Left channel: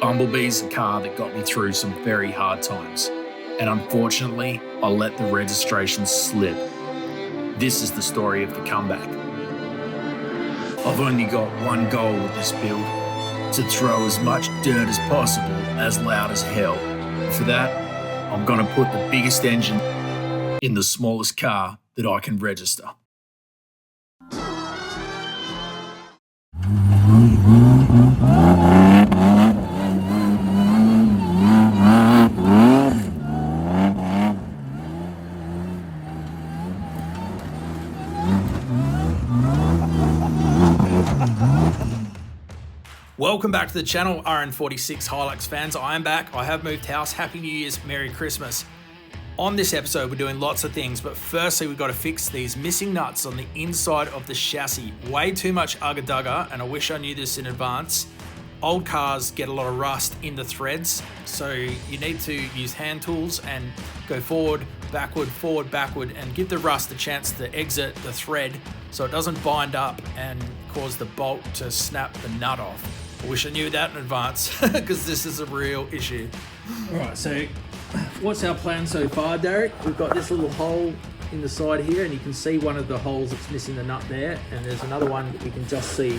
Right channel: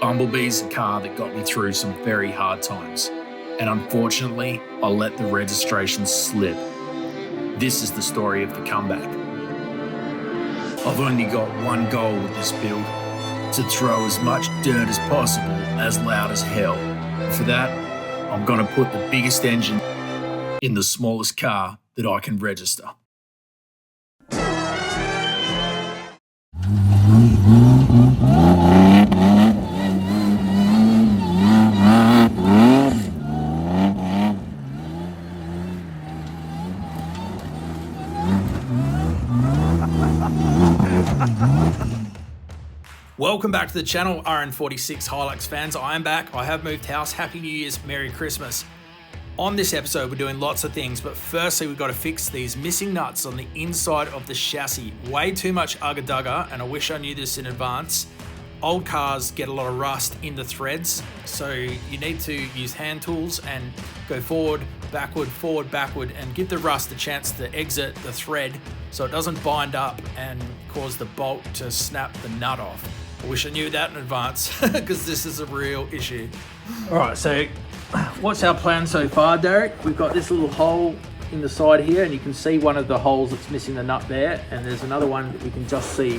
Bumblebee's a car that got me through some very hard times, and unfortunately, I let the registration slip. This is the story of the comeback. I've only got one goal with this build: to throw as much dirt as possible, as loud as hell. For that, I'm gonna put the biggest engine in the smallest car that I can register. Welcome back to the channel, RN46 Hilux fans. I am back. I have moved house. Happy New Year's, Merry Christmas. On this episode, we're doing lots of things, but firstly, we've got to fix these missing nuts on the inside of the chassis. Way too much ugga-dugga, and I wish I knew this in advance. Old cars get a lot of rust in the threads, so you need to use hand tools and go forward, backward, and give the rust a chance to exit the thread so it doesn't bind up and cause the bolt to snap the nut off. I wish I knew that in advance because this is a real issue. All right, so what's our plan so far, Derek? We've got this little hole in the side here, and you can see one of the holes that's missing the nut there, and there's another one that you can just see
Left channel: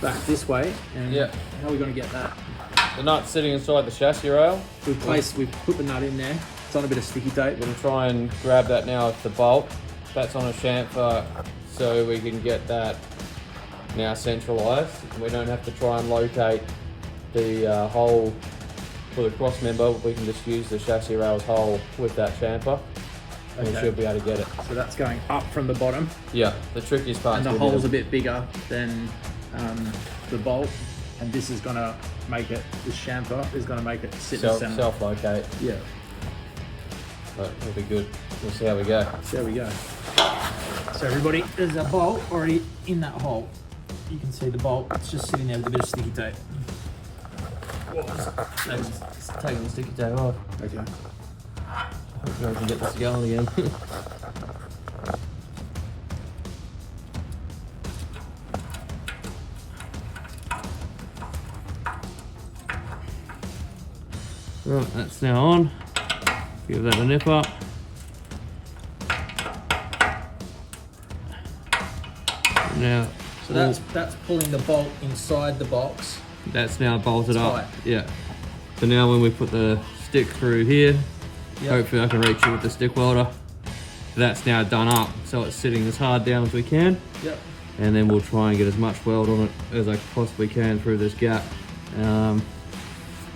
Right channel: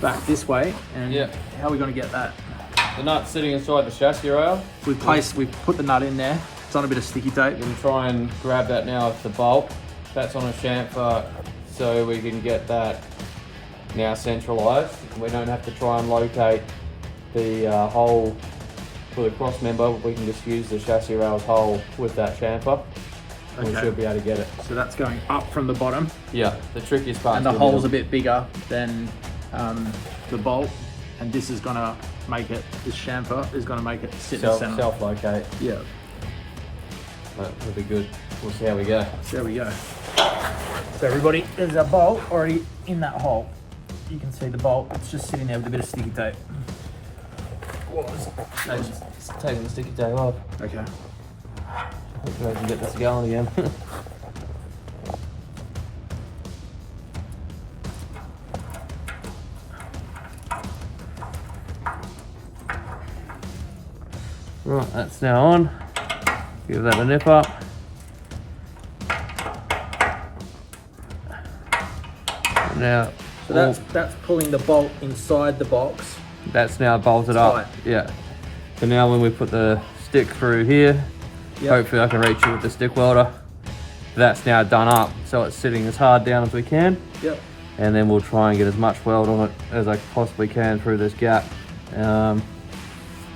back this way. And yeah, how are we going to get that? The nut's sitting inside the chassis rail. We've put the nut in there. It's on a bit of sticky tape. We can try and grab that now with the bolt. That's on a chamfer, so we can get that now centralized. We don't have to try and locate the hole for the cross member. We can just use the chassis rails hole with that chamfer. Okay. We should be able to get it. So that's going up from the bottom. Yeah, the trickiest part. And the hole's a bit bigger than the bolt, and this is going to make it, this chamfer is going to make it sit in the center. Self-locate. Yeah. Right, that'll be good. We'll see how we go. There we go. So everybody, there's a bolt already in that hole. You can see the bolt, it's just sitting there with a bit of sticky tape. It's taking the sticky tape off. Okay. Hopefully I can get this going again. Right, that's now on. Give that a nip up. Now, so that's pulling the bolt inside the box. That's now bolted up. Yeah. So now when we put the stick through here, hopefully I can reach it with the stick welder. That's now done up, so it's sitting as hard down as we can. Yep. And then we'll try and get as much weld on it as I possibly can through this gap. I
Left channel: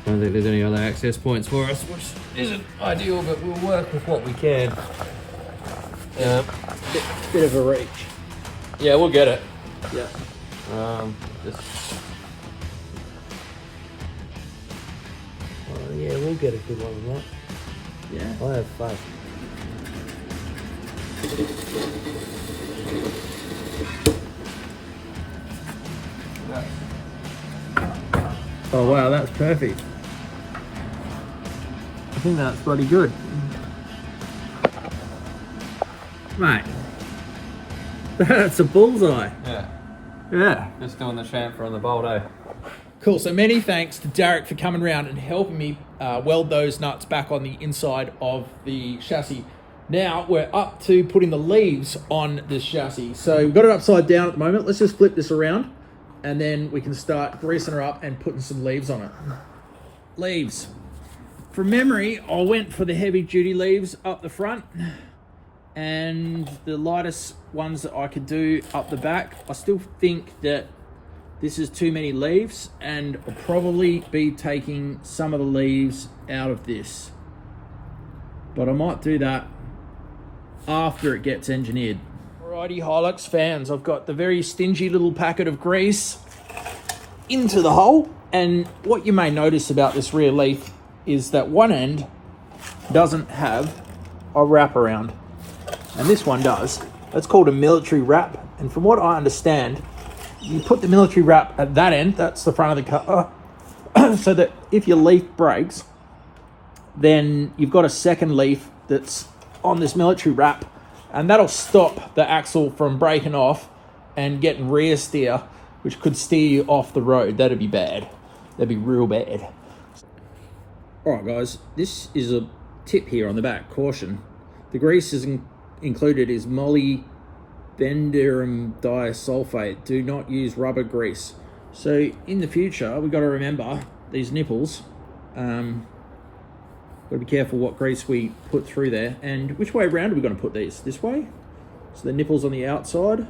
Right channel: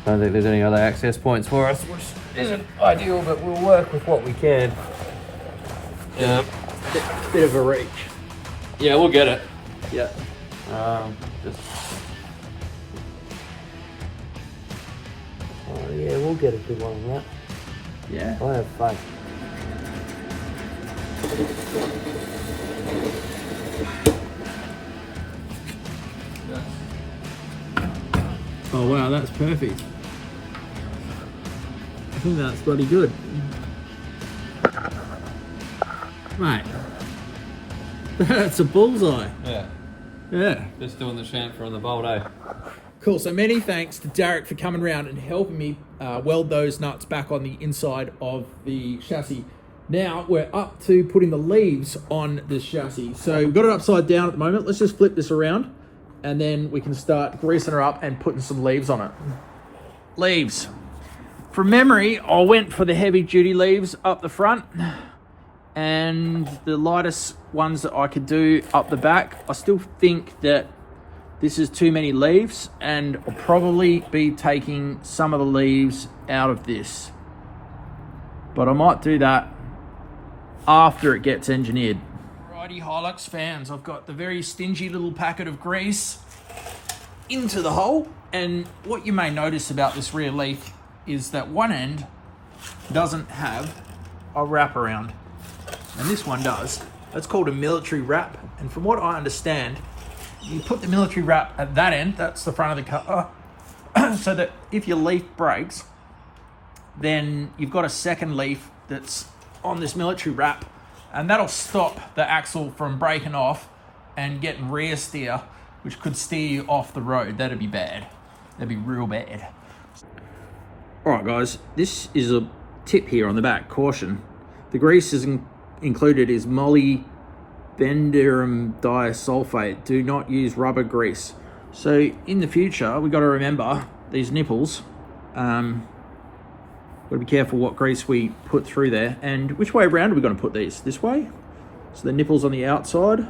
don't think there's any other access points for us, which isn't ideal, but we'll work with what we can. Yeah. Bit of a reach. Yeah, we'll get it. Yeah. Oh yeah, we'll get a good one on that. Yeah. I'll have fun. Oh wow, that's perfect. I think that's bloody good. Mate, that's a bullseye. Yeah. Yeah. Just doing the chamfer and the bolt, eh? Cool, so many thanks to Derek for coming around and helping me weld those nuts back on the inside of the chassis. Now we're up to putting the leaves on this chassis. So we've got it upside down at the moment. Let's just flip this around and then we can start greasing her up and putting some leaves on it. Leaves. From memory, I went for the heavy duty leaves up the front and the lightest ones that I could do up the back. I still think that this is too many leaves, and I'll probably be taking some of the leaves out of this. But I might do that after it gets engineered. Alrighty, Hilux fans, I've got the very stingy little packet of grease into the hole, and what you may notice about this rear leaf is that one end doesn't have a wraparound, and this one does. That's called a military wrap, and from what I understand, you put the military wrap at that end, that's the front of the car, so that if your leaf breaks, then you've got a second leaf that's on this military wrap, and that'll stop the axle from breaking off and getting rear steer, which could steer you off the road. That'd be bad. That'd be real bad. All right, guys, this is a tip here on the back. Caution. The grease is included is molybdenum disulfate. Do not use rubber grease. So in the future, we've got to remember these nipples. Got to be careful what grease we put through there. And which way around are we going to put these? This way? So the nipples on the outside?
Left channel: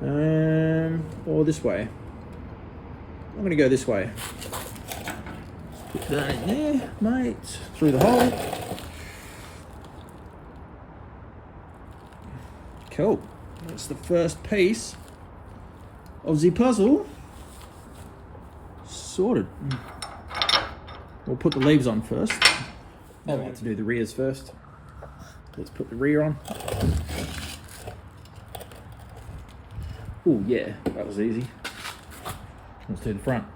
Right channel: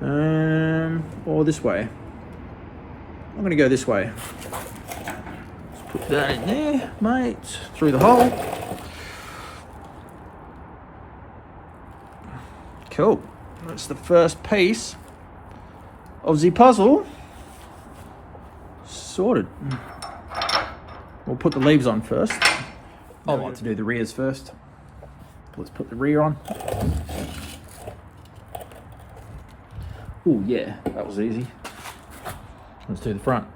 Or this way? I'm going to go this way. Put that in there, mate. Through the hole. Cool. That's the first piece of the puzzle sorted. We'll put the leaves on first. I like to do the rears first. Let's put the rear on. Oh yeah, that was easy. Let's do the front.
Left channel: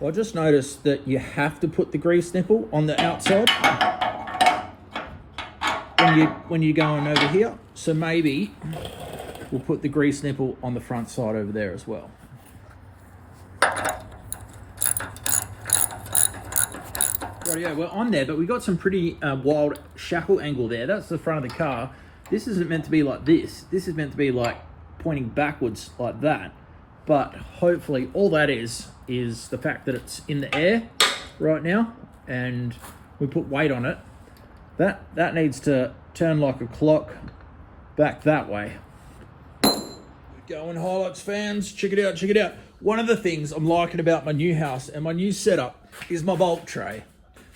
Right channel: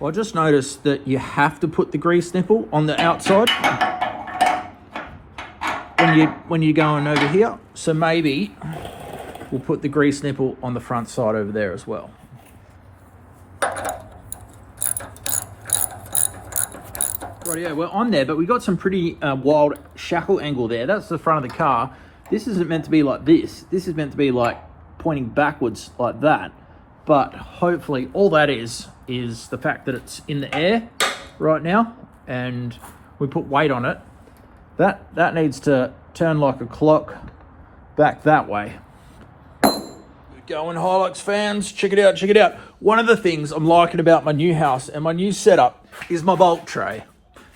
Well, I just noticed that you have to put the grease nipple on the outside when you're going over here. So maybe we'll put the grease nipple on the front side over there as well. Right, yeah, we're on there, but we got some pretty wild shackle angle there. That's the front of the car. This isn't meant to be like this. This is meant to be like pointing backwards like that. But hopefully all that is the fact that it's in the air right now and we put weight on it. That needs to turn like a clock back that way. Going Hilux fans, check it out, check it out. One of the things I'm liking about my new house and my new setup is my bolt tray.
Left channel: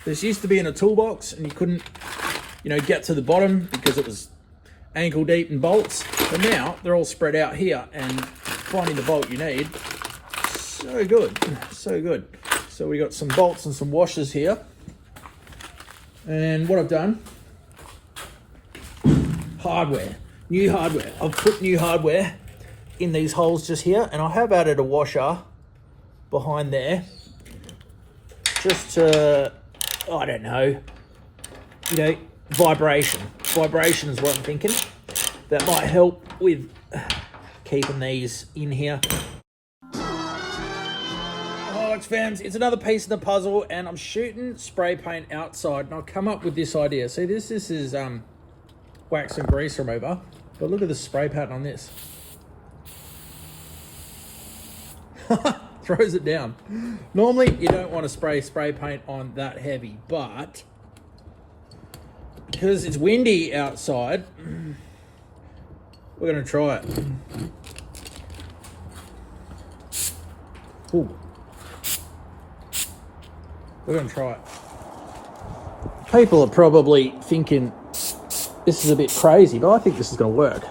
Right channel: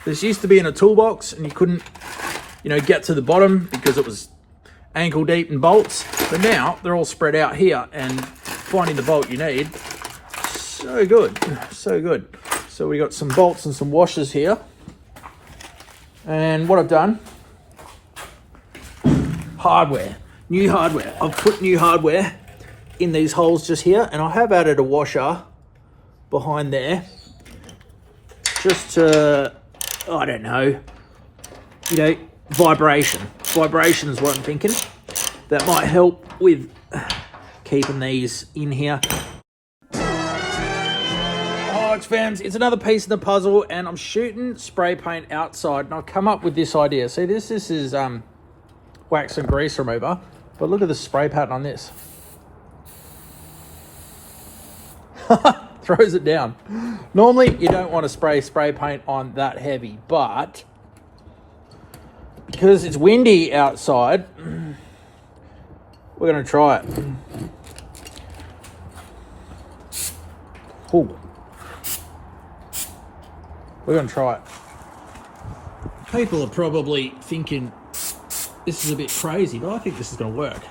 This used to be in a toolbox and you couldn't, get to the bottom because it was ankle deep in bolts. But now they're all spread out here and finding the bolt you need, so good, so good. So we got some bolts and some washers here. And what I've done, hardware, new hardware. I've put new hardware in these holes just here, and I have added a washer behind there, just to, I don't know, vibration. Vibration is what I'm thinking. That might help with keeping these in here. Hilux fans, it's another piece of the puzzle, and I'm shooting spray paint outside, and I've come up with this idea. See, this is wax and grease remover, but look at the spray pattern on this. Throws it down. Normally, you don't want to spray paint on that heavy, but because it's windy outside, we're going to try it. Ooh. We're going to try it. People are probably thinking this is a bit crazy, but I think this is going to work.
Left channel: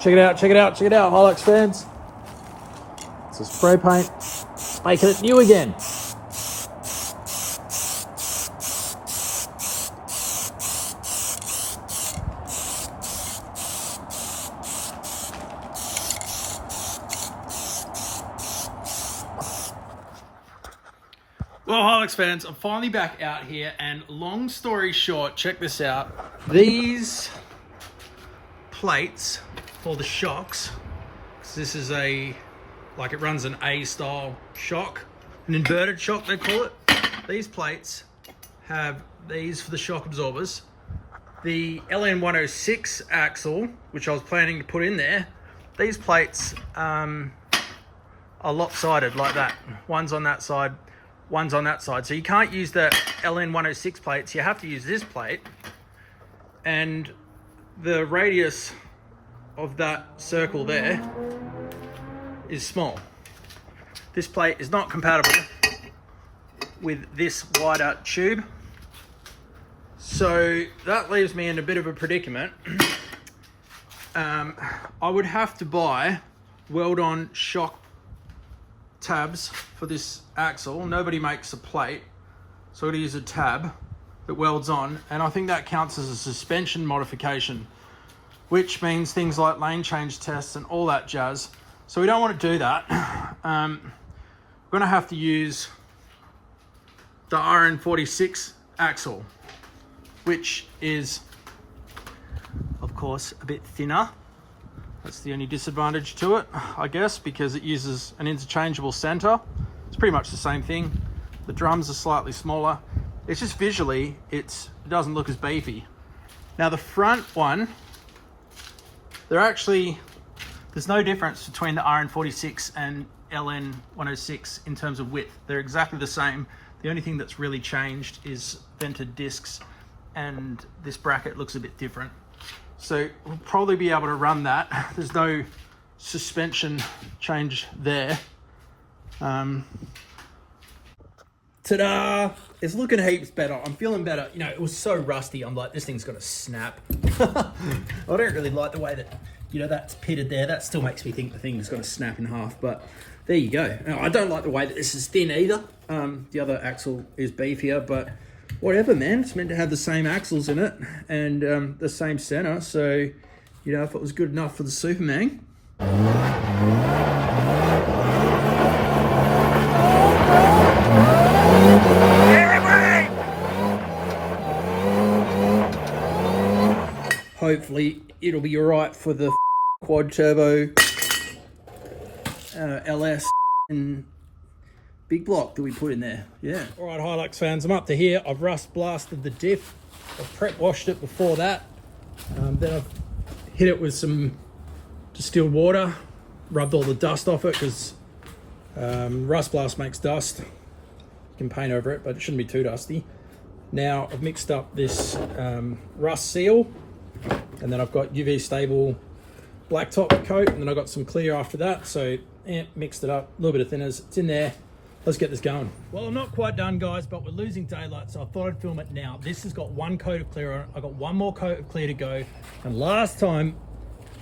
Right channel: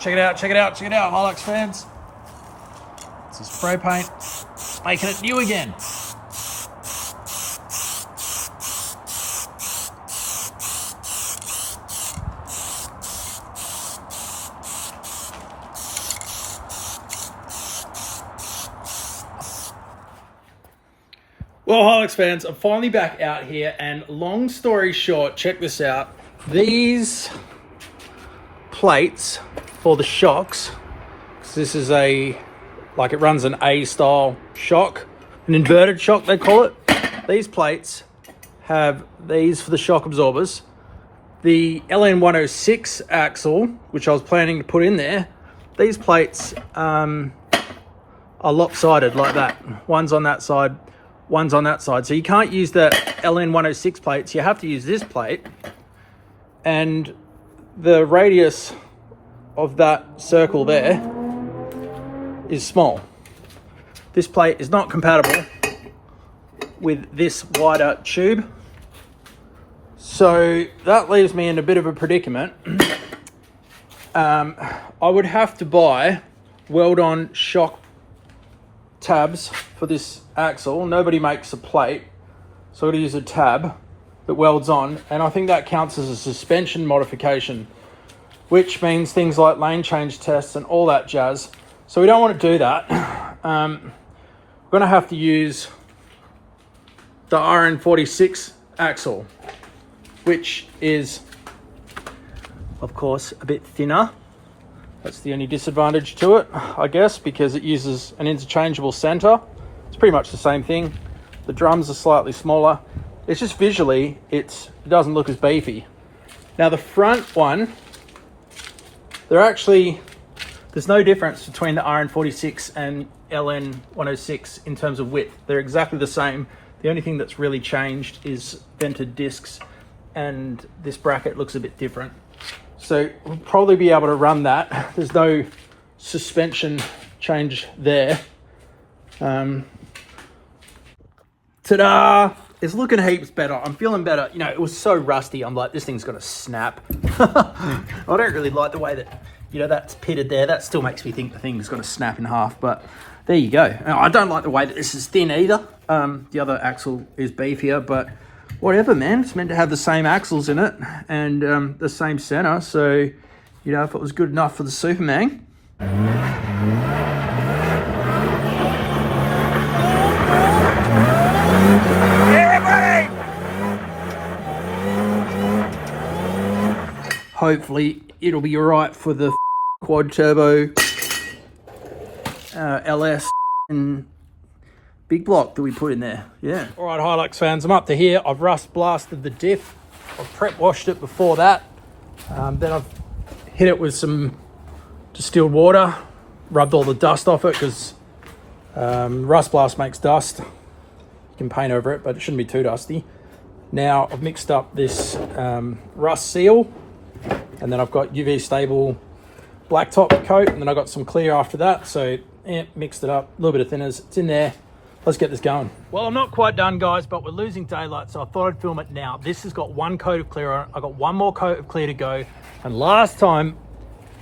Check it out, check it out, check it out, Hilux fans. It's a spray paint, making it new again. Well, Hilux fans, I'm finally back out here, and long story short, check this out. These plates for the shocks, because this is it runs an A style shock, an inverted shock they call it. These plates have these for the shock absorbers. The LN106 axle, which I was planning to put in there, these plates are lopsided like that. One's on that side, one's on that side. So you can't use the LN106 plates, you have to use this plate. And the radius of that circle there is small. This plate is not compatible with this wider tube. So that leaves me in a bit of a predicament. I would have to buy weld-on shock tabs for this axle. Nobody makes a plate, so I'm going to use a tab that welds on, and I think that counts as a suspension modification, which means things like lane change tests and all that jazz. So we don't want to do that. We're going to have to use the RN46 axle, which is, of course, a bit thinner. That's the only disadvantage to it, I guess, because it uses an interchangeable center. It's pretty much the same thing. The drums are slightly smaller. It's just visually, it doesn't look as beefy. Now the front one, there's no difference between the RN46 and LN106 in terms of width. They're exactly the same. The only thing that's really changed is vented discs, and this bracket looks a bit different. So we'll probably be able to run that. There's no suspension change there. Ta-da! It's looking heaps better. I'm feeling better. You know, it was so rusty. I'm like, this thing's gonna snap. I don't really like the way that, you know, that's pitted there. That still makes me think the thing's gonna snap in half, but there you go. I don't like the way that this is thin either. The other axle is beefier, but whatever, man. It's meant to have the same axles in it and the same center. So, you know, if it was good enough for the Superman. Everybody! Hopefully it'll be all right for the quad turbo LS and big block that we put in there. Yeah. All right, Hilux fans, I'm up to here. I've rust blasted the diff. I've prep washed it before that. Then I've hit it with some distilled water, rubbed all the dust off it because rust blast makes dust. You can paint over it, but it shouldn't be too dusty. Now I've mixed up this rust seal, and then I've got UV stable blacktop coat, and then I got some clear after that. So yeah, mixed it up, a little bit of thinners. It's in there. Let's get this going. Well, I'm not quite done, guys, but we're losing daylight, so I thought I'd film it now. This has got one coat of clear on it. I got one more coat of clear to go. And last time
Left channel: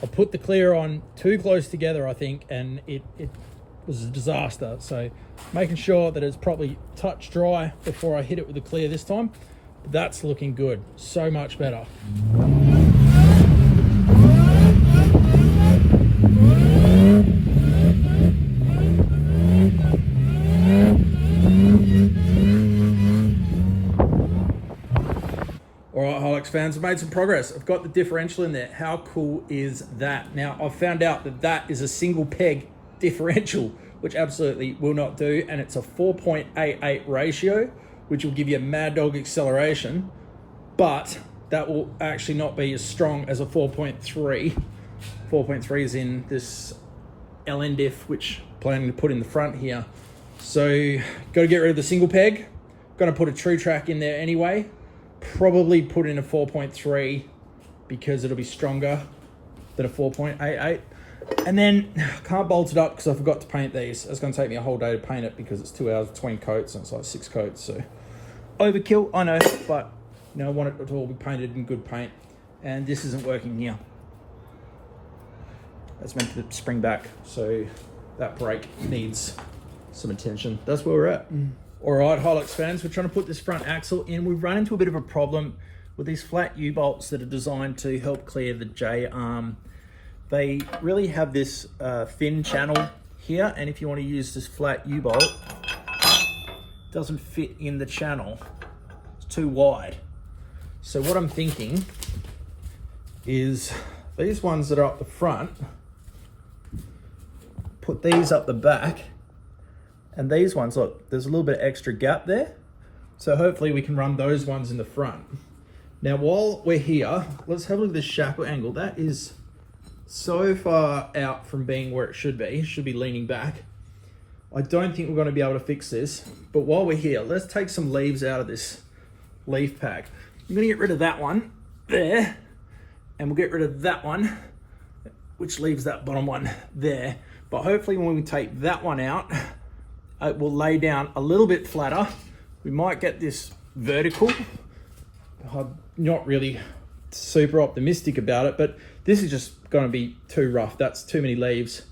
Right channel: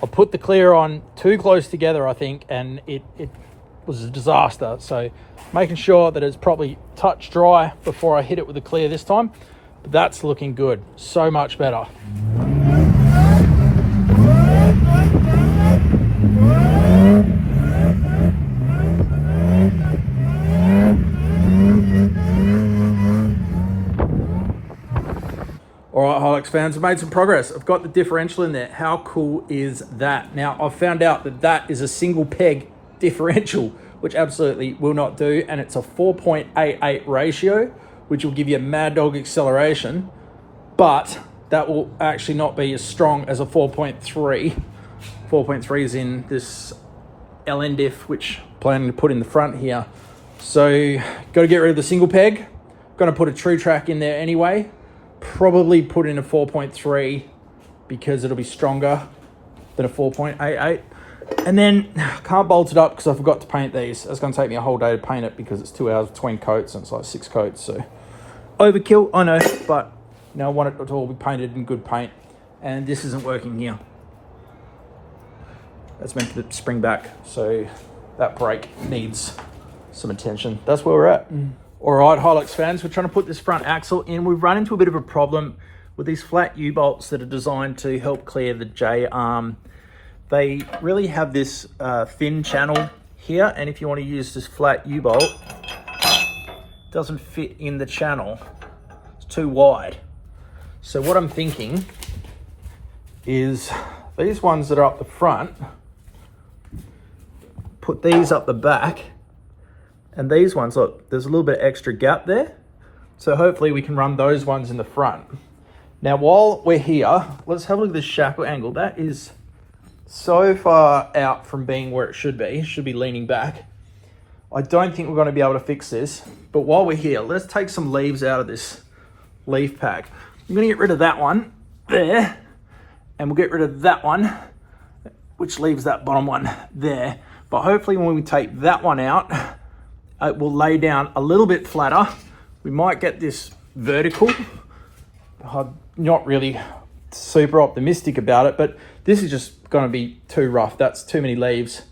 I put the clear on too close together, I think, and it was a disaster. So making sure that it's probably touch dry before I hit it with the clear this time. But that's looking good. So much better. All right, Hilux fans, I've made some progress. I've got the differential in there. How cool is that? Now, I've found out that that is a single peg differential, which absolutely will not do. And it's a 4.88 ratio, which will give you a mad dog acceleration, but that will actually not be as strong as a 4.3. 4.3 is in this LN diff, which I'm planning to put in the front here. So, got to get rid of the single peg. Going to put a true track in there anyway. Probably put in a 4.3 because it'll be stronger than a 4.88. And then can't bolt it up because I forgot to paint these. It's going to take me a whole day to paint it because it's 2 hours between coats and it's like 6 coats. So overkill, I know, but now I want it to all be painted in good paint. And this isn't working here. That's meant to spring back. So that brake needs some attention. That's where we're at. All right, Hilux fans, we're trying to put this front axle in. We've run into a bit of a problem with these flat U-bolts that are designed to help clear the J-arm. They really have this thin channel here, and if you want to use this flat U-bolt, it doesn't fit in the channel. It's too wide. So what I'm thinking is these ones that are up the front, put these up the back, and these ones, look, there's a little bit of extra gap there. So hopefully we can run those ones in the front. Now, while we're here, let's have a look at this shackle angle. That is so far out from being where it should be. It should be leaning back. I don't think we're going to be able to fix this. But while we're here, let's take some leaves out of this leaf pack. I'm going to get rid of that one there. And we'll get rid of that one, which leaves that bottom one there. But hopefully when we take that one out, it will lay down a little bit flatter. We might get this vertical. I'm not really super optimistic about it, but this is just going to be too rough. That's too many leaves,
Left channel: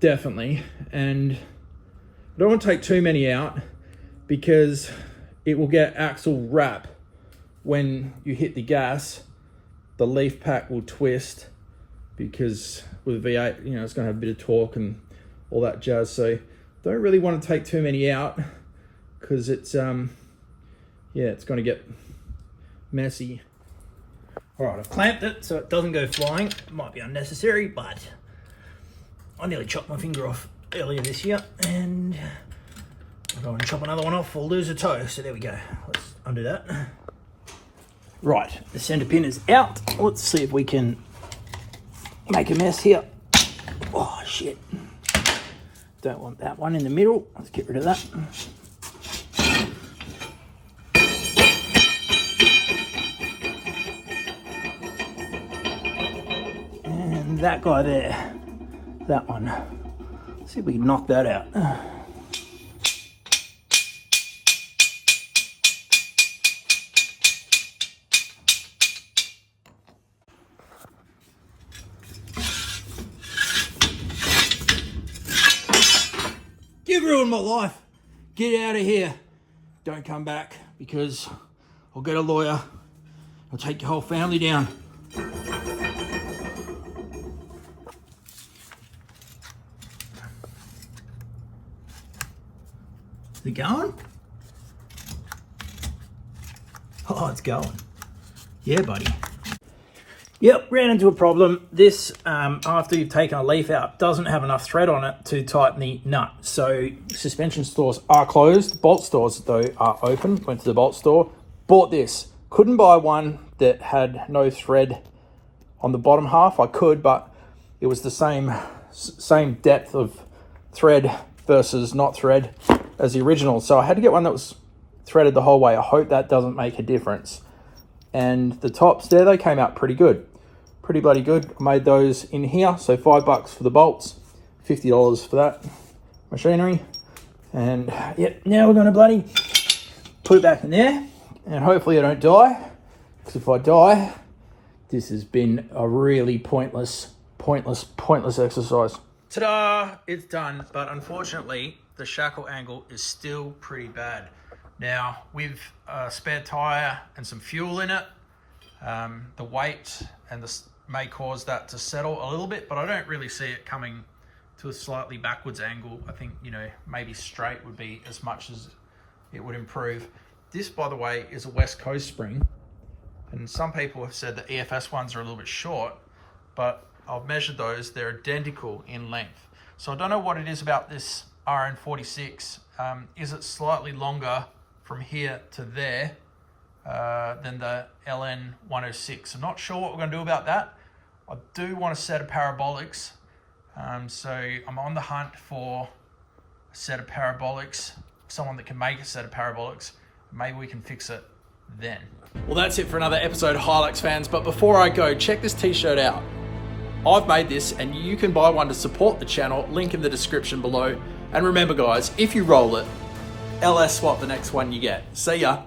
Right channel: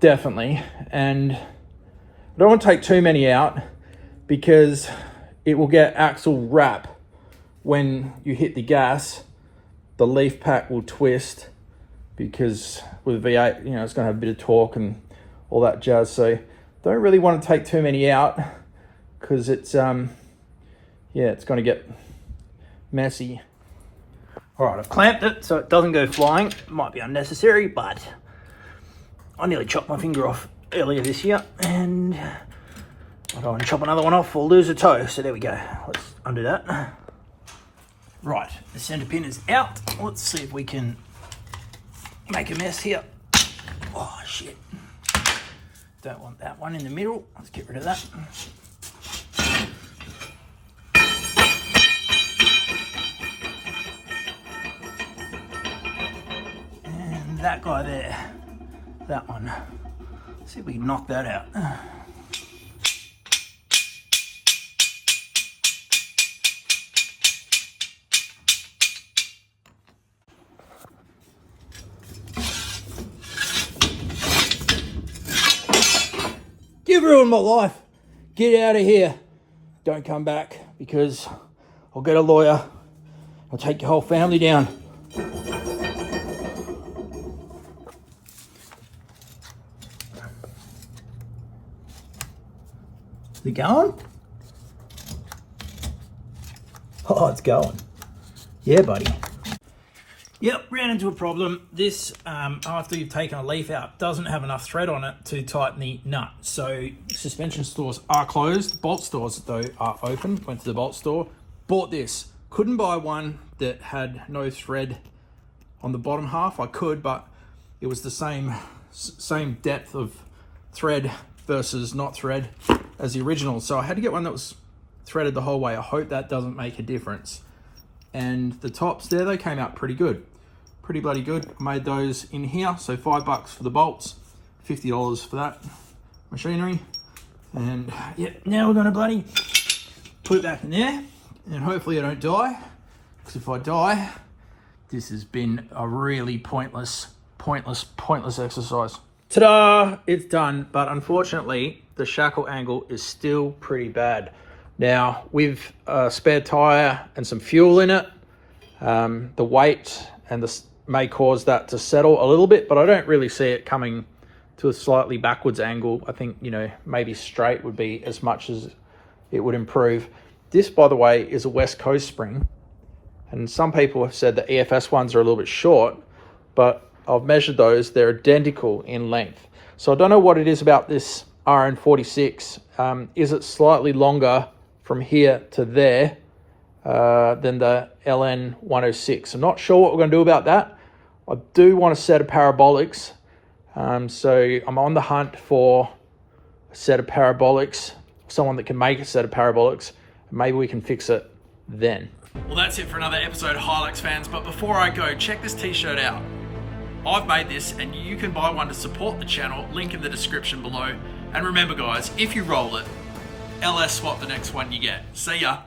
definitely. And I don't want to take too many out because it will get axle wrap when you hit the gas. The leaf pack will twist because with a V8, you know, it's going to have a bit of torque and all that jazz. So don't really want to take too many out because it's, you yeah, it's going to get messy. All right, I've clamped it so it doesn't go flying. It might be unnecessary, but I nearly chopped my finger off earlier this year, and I don't want to chop another one off or lose a toe. So there we go. Let's undo that. Right, the center pin is out. Let's see if we can make a mess here. Oh shit. Don't want that one in the middle. Let's get rid of that. And that guy there. That one. Let's see if we can knock that out. You've ruined my life. Get out of here. Don't come back, because I'll get a lawyer. I'll take your whole family down. Is it going? Oh, it's going. Yeah, buddy. Yep, ran into a problem. This, after you've taken a leaf out, doesn't have enough thread on it to tighten the nut. So suspension stores are closed. Bolt stores, though, are open. Went to the bolt store, bought this. Couldn't buy one that had no thread on the bottom half. I could, but it was the same depth of thread versus not thread as the original. So I had to get one that was threaded the whole way. I hope that doesn't make a difference. And the tops there, they came out pretty good. Pretty bloody good. I made those in here. So $5 for the bolts, $50 for that machinery. And yep, now we're gonna bloody put it back in there. And hopefully I don't die. Because if I die, this has been a really pointless exercise. Ta-da, it's done. But unfortunately, the shackle angle is still pretty bad. Now, with a spare tire and some fuel in it, the weight and this may cause that to settle a little bit, but I don't really see it coming to a slightly backwards angle. I think, you know, maybe straight would be as much as it would improve. This, by the way, is a West Coast spring. And some people have said the EFS ones are a little bit short, but I've measured those. They're identical in length. So I don't know what it is about this RN46. Is it slightly longer from here to there than the LN106? I'm not sure what we're going to do about that. I do want a set of parabolics. So I'm on the hunt for a set of parabolics, someone that can make a set of parabolics. Maybe we can fix it then. Well, that's it for another episode, Hilux fans. But before I go, check this t-shirt out. I've made this and you can buy one to support the channel. Link in the description below. And remember guys, if you roll it, LS swap the next one you get. See ya.